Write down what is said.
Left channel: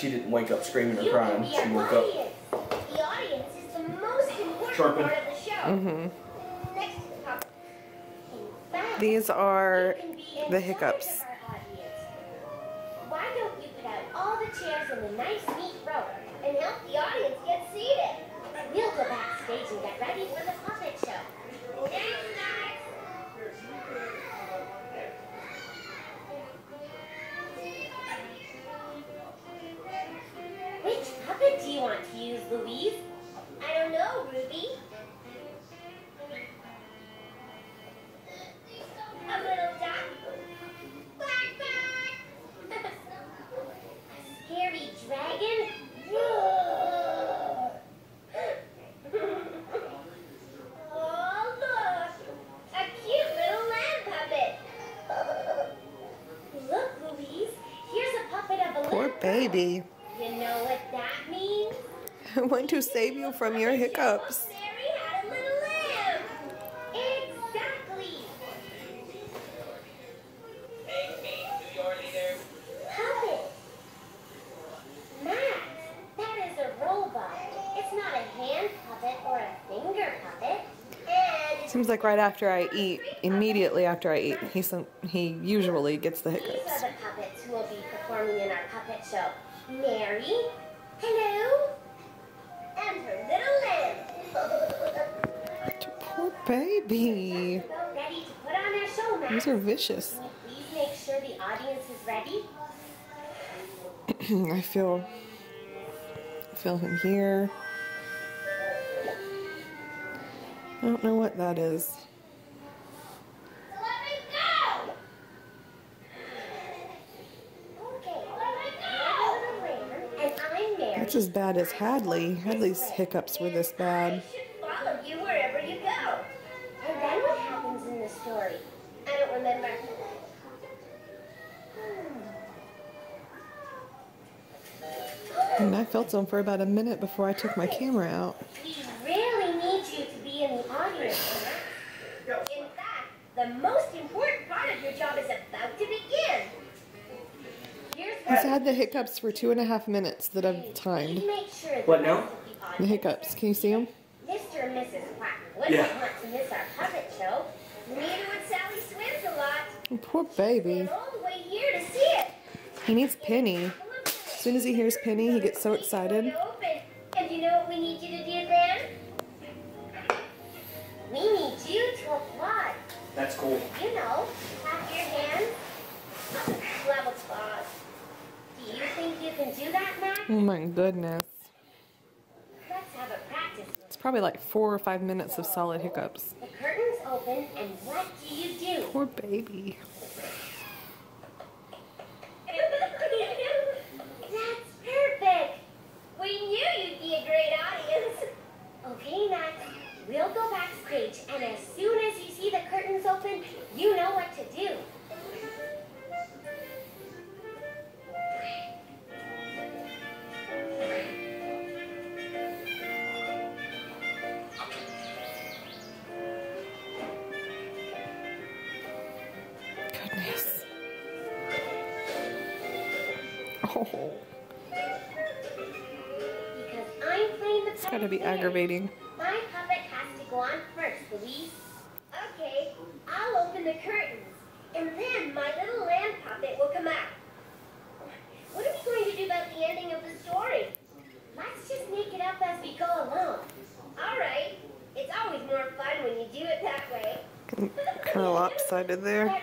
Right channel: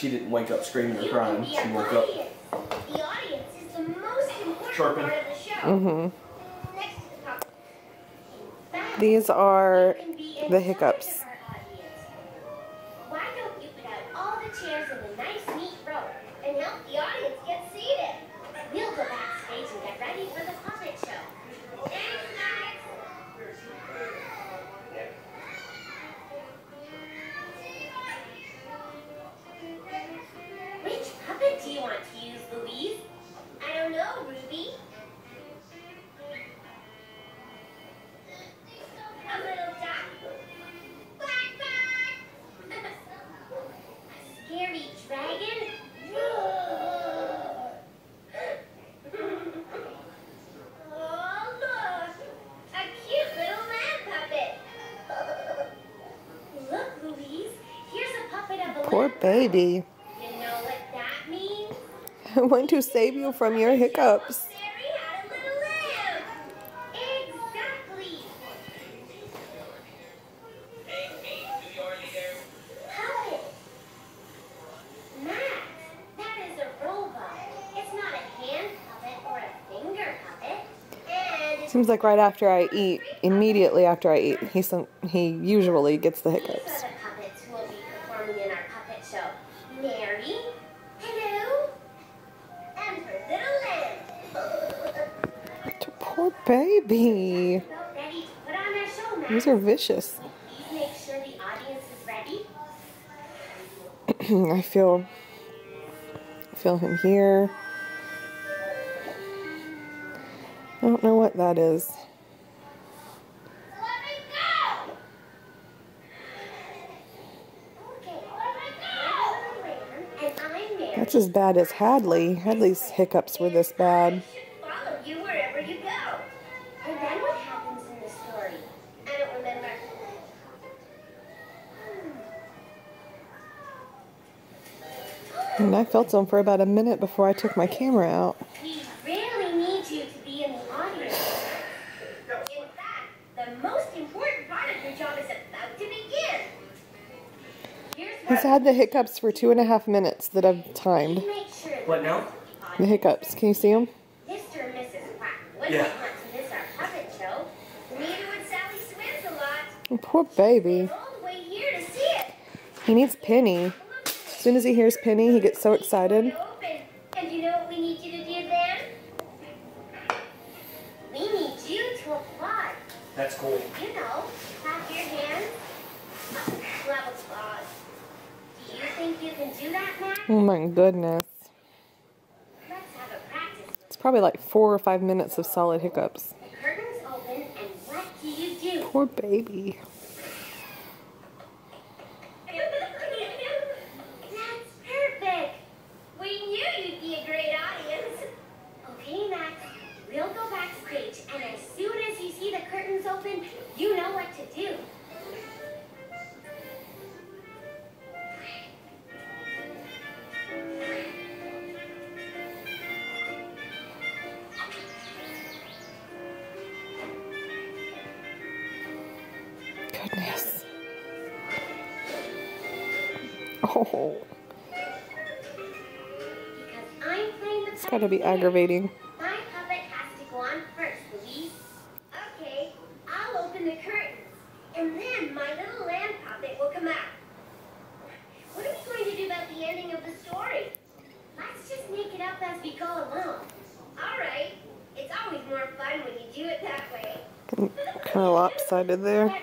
She didn't wake up screaming or crying. She woke up. The audience is the most important Chirping. part of the show. Mm-hmm. Next to the top. These are the hiccups. Why don't you put out all the chairs in a nice, neat row and help the audience get seated? We'll go backstage and get ready for the puppet show. Thanks, Max. Which puppet do you want to use, Louise? I don't know, Ruby. A little duck. Quack, quack. A scary dragon. Roar. Oh, look. A cute little lamb puppet. Look, Louise. Here's a puppet of a Poor lamb. baby. You know what that means? I want to save you from your hiccups. Mary had a little lamb. Exactly. Puppet. Max, that is a robot. It's not a hand puppet or a finger puppet. And it's Seems like right after I eat, immediately after I eat, he usually gets the these hiccups. are the puppets who will be performing in our puppet show. Mary, hello, and her little lamb. Poor baby. About ready to put on our show, Max. These are vicious. Please make sure the audience is ready. I feel him here. I don't know what that is. Let me go! Okay, and I'm Mary. That's as bad as Hadley. Hadley's hiccups were this bad. I should follow you wherever you go. And then what happens in the story? I don't remember. And I felt them for about a minute before I took my camera out. We really need you to be in the audience. In fact, the most important part of your job is about to begin. Here's He's where had the hiccups for 2.5 minutes that I've timed. we make sure What the now? rest of the The audience, hiccups. Can you see them? Mr. and Mrs. Quack wouldn't Yeah. want to miss our puppet show. Neither would Sally Swims a lot. Oh, poor baby. They're all the way here to see it. He needs Penny. As soon as he hears Penny, he gets so excited. Open. And you know what we need you to do then? We need you to applaud. That's cool. You know, clap your hands. Level applause. Do you think you can do that, Max? Oh my goodness. Let's have a practice. It's probably like 4 or 5 minutes of solid hiccups. The curtains open, and what do you do? Poor baby. That's perfect. We knew you'd be a great audience. Okay, Max, we'll go backstage, and as soon as you see the curtains open, you know what to do. Goodness. Oh, Because I'm playing the it's gotta be puppet. aggravating. My puppet has to go on first, Louise. Okay, I'll open the curtains, and then my little lamb puppet will come out. What are we going to do about the ending of the story? Let's just make it up as we go along. All right. It's always more fun when you do it that way. Kind of lopsided there. But